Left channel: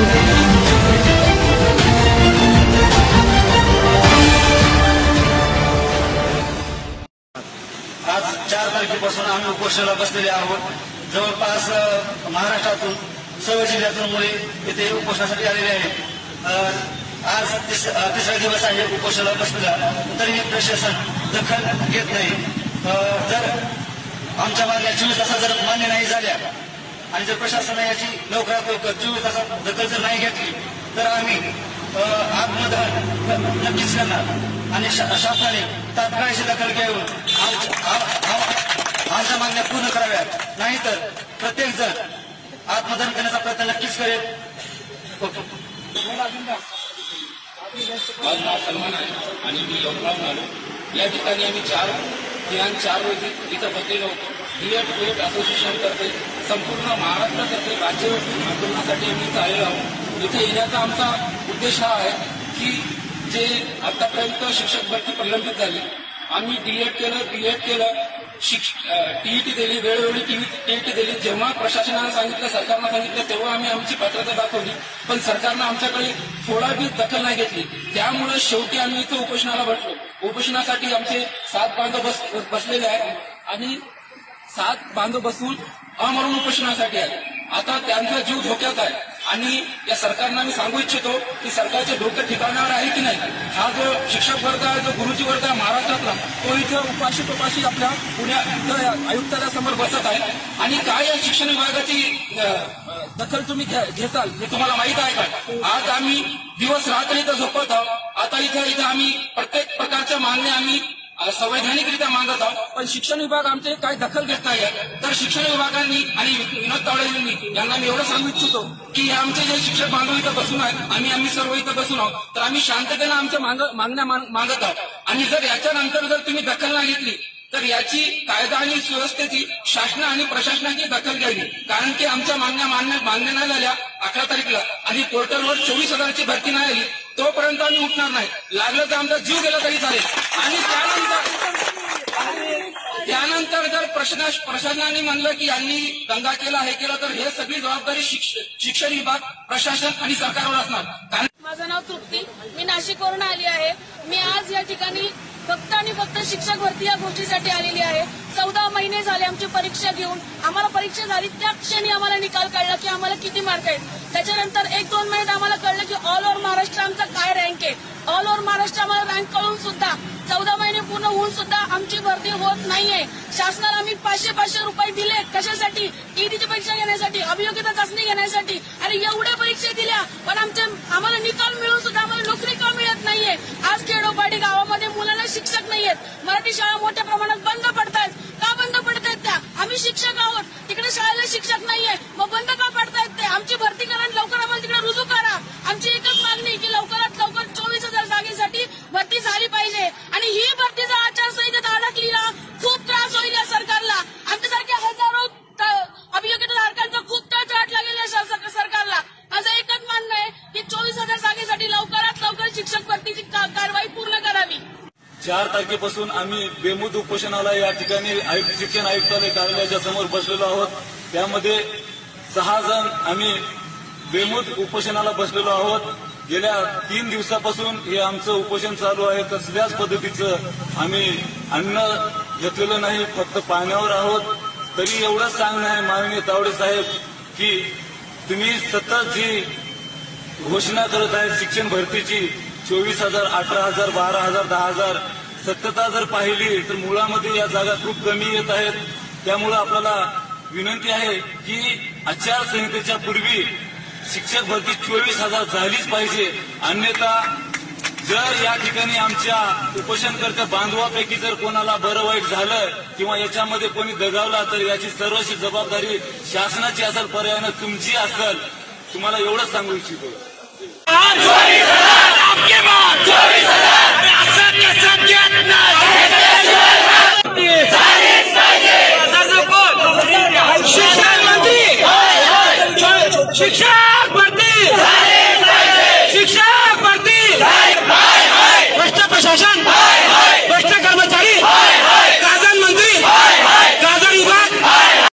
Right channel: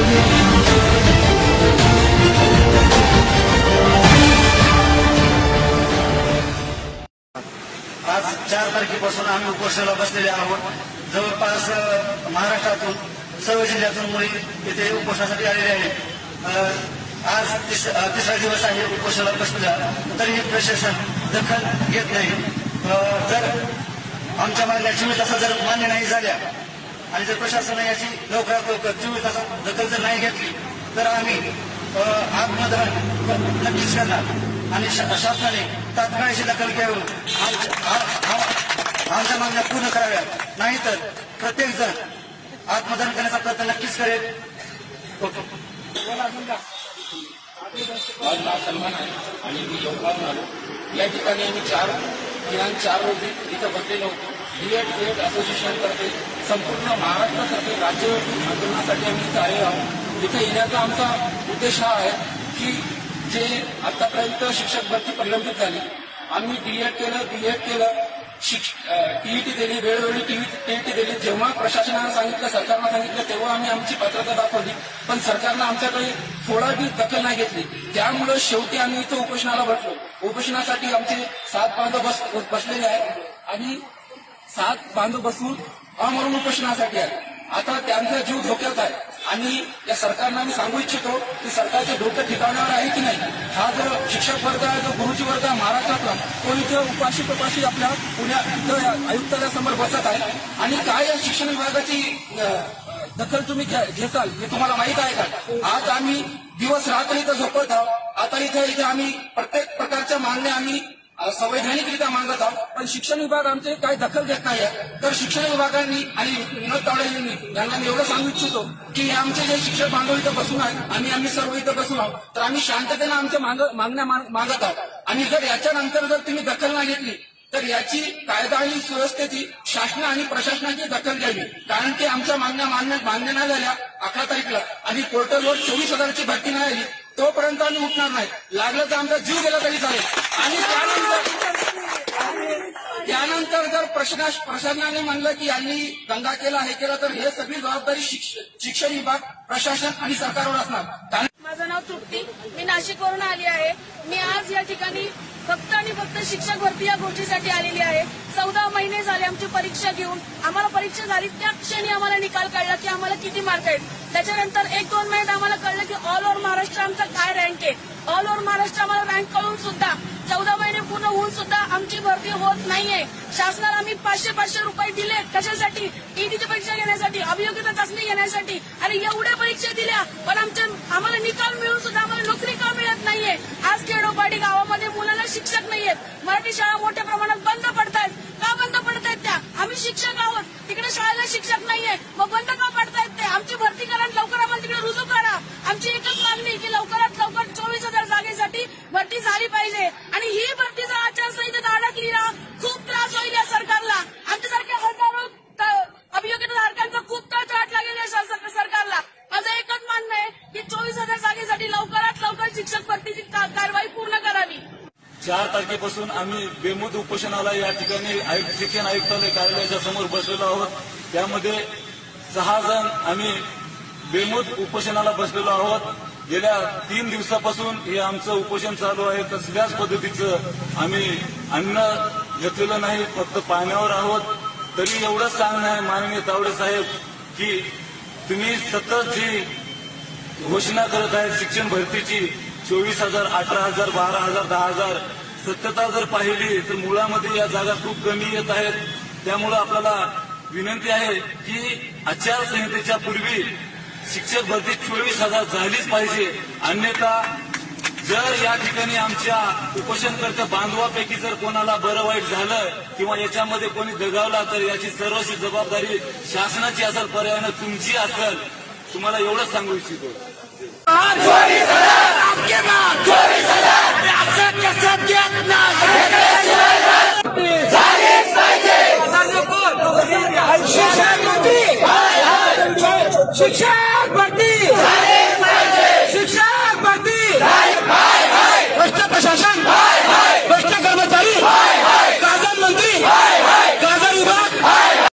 आज चार तारखेपासून आम्ही उपोषणाला बसलेले आहोत. जवळपास महाराष्ट्रातून सर्व जिल्ह्यातून मुली इथे उपोषणासाठी आलेले आहेत. आज तिस- तिसरा दिवस आहे उपोषणाला बसलेला. तरीही प्रशासन दखल घेत नाही. जर आमच्या मागण्या चोवीस तासात जर मान्य नाही झाल्या आणि जर प्रशासनाने याची लवकरात लवकर चोवीस तासात दखल जर नाही घेतली तर आम्ही आत्मदहन नक्कीच करणार. आणि शासनाने तात्काळची दखल घेऊन आमच्या मागण्या पूर्ण कराव्यात. नाहीतर प्रत्येक जण आत्मदहन करण्याचा प्रयत्न नक्कीच करेल. आज माझं नाव आहे आणि मी यवतमाळहून आलो. या ठिकाणी आम्ही चार दिनांक चार रोजी इथं बसलेलो होतो. बीएड क्रिएट असोसिएशनतर्फे संपूर्ण महाराष्ट्रातर्फे राज्यव्यापी आंदोलनासाठी आम्ही इथं आलेलो आहोत. इथे येण्याचा आमचा उद्देश हा आहे की जे आतापर्यंत शिक्षक भरती प्रलंबित झाली आम्ही डीएड केलं बीएड केलं टीईटी दिली वेळोवेळी टीईटी दिली. जेव्हा प्रशासनानं सांगितलं सरकारनं सांगितलं तेव्हा आम्ही आमची पात्रता दाखवली. पण सरकारनं आमच्याकडे थोडा बी दखल नाही घेतली. त्यामुळे शेवटी आम्ही इथं उपोषणाला बसलो. उपोषणासाठी आमचे सात बांधव बस बसलेले आहेत. आणि सात बांधव बसून अमरण उपोषणासाठी आहे आता त्यांचा जीव धोक्यात आहे. आणि या सरकारनं मी सांगू इच्छितो की सरकारचे डोकं ठिकाणावर आहे की नाही हा जो शिक्षक वर्ग आहे जो गुरुजी वर्ग आहे महाराष्ट्रातला तो इथं उपाशी तपाशी आपल्या पुण्या इथं आयुक्तालयासमोर बसत आहे. आणि काय या शिक्षण विभागाची दखल तुम्ही घ्या- घेताल हे तुम्हाला माहीत आहे का? आज आम्ही दिवस रात्र इथं झोपत आहोत. आता इथं इथं आम्ही प्रत्येक प्रकारच्या मागण्या आम्ही संवैधानिकरित्या मागत आहोत. पण शिक्षण विभाग आमचे काही दखल घेत नाही तर शिक्षण विभागांनी आणि विनोद तावडे यांनी यांना मी एवढं सांगू इच्छितो की हे आमचे जे शिक्षक बांधव इथं बसून आहेत आम्ही आम्ही सर्व इथं बसून आहोत. तर आम्ही शांततेनं आमच्या मागण्या मागत आहोत. आणि जर याच्यानंतर जर तुम्ही दखल नाही घेतली तर याची कायदा आणि सुव्यवस्थेची शासन आणि प्रशासनाची दखल घ्यावी. कारण की आमच्या मागण्या मान्य मान्य नाही झाल्या अकरा तारीखला आणि पोर्टलवर चोवीस हजाराची भरती नाही आली तोपर्यंत आम्ही उठणार नाही. लागलं तर आमचा जीव गेला तरी चालेल. आणि त्यानंतर त्यानंतर जर प्रश्न प्रशासनाने म्हणलं की यांनी दंगा केला हे केलं तर हे सगळी जबाबदारी शिक्षण विभाग प्रशासन आणि सरकारवर असणार. कारण माझं नाव तृप्ती. मी नाशिकवरून आली आहे. मी आज या ठिकाणी फक्त आणि फक्त शिक्षक भरती या गोष्टीसाठी आलेली आहे. चौदा महिने झाले आमची परीक्षा घेऊन. आम्हाला परीक्षा झाली. त्या क्षणी आम्हाला निकाल काढला की आम्हाला किती मार्क आहेत. त्याच्यानंतर एक दोन महिन्यात आम्हाला कळलं की बँकेत ऑल ओव्हर महाराष्ट्र आम्हाला रँक कळून सुद्धा चौदा महिने पूर्ण होऊन सुद्धा आमची भरती होत नाहीये. शासनाला आम्ही पाचशे पाचशे रुपये दिले. कशासाठी? ईडीची परीक्षा घेण्यासाठी अभियोग्यता चाचणी घेण्यासाठी. आणि एवढ्या परीक्षा दिल्या पण आमच्या आम्हाला निकाल मिळून सुद्धा आम्हाला नोकरी का मिळत नाहीये? आज खेडोपाडी गावामध्ये मुलांना शिक्षक नाहीयेत. मराठी शाळा मोठ्या प्रमाणात बंद पडतायत. का बंद पडतायत त्या? आम्ही शिक्षक आहोत. तिकडे शाळेला शिक्षक नाहीये. मग बंद का पडतायत ते? आमची भरती करा आणि लवकर आम्हाला तिकडे रुजू करा. आमची एकच मागणी की लवकरात चार तारखेपासून आम्ही बेमुद उपोषणाला या ठिकाणी आयुक्त शिक्षण आयुक्तालय कार्यालयाच्या समोर बसलेलो आहोत. त्यामध्ये सहा जण आम्ही बेमुद उपोषणाला बसलेलो आहोत. गेल्या तीन दिवसापासून हे आमचं उपोषण चालू आहे. कसल्याच पद्धतीचं आम्ही अन्न घेतलेलं नाही फक्त पाण्यावर आहोत. तरी एवढंच सांगणं आहे माननीय तावडे साहेब की तुम्ही सतत जी घोषणा करत आहेत शिक्षण भरतीची चोवीस हजार अठरा हजार बारा हजार दहा हजार सत्यता जर पाहिली तर मुळामध्ये या जागा खूप कमी येत आहेत. त्यामुळं आपल्याला विनंती आहे की आचारसंहितेच्या पूर्वी शिक्षक भरती चोवीस हजार झालीच पाहिजे. अन्यथा जर या ठिकाणी आमच्या उपोषणकर्त्या बांधवापैकी जर कोणाला बरं वाईट झालं किंवा याच्यामध्ये कोणी दगावला तर याची सर्वस्वी जबाबदारी शासनाची असेल पर्यायानं तुमची असेल. तुम्हाला एवढंच सांगू इच्छितो. शिक्षण मंत्री शिक्षक भरती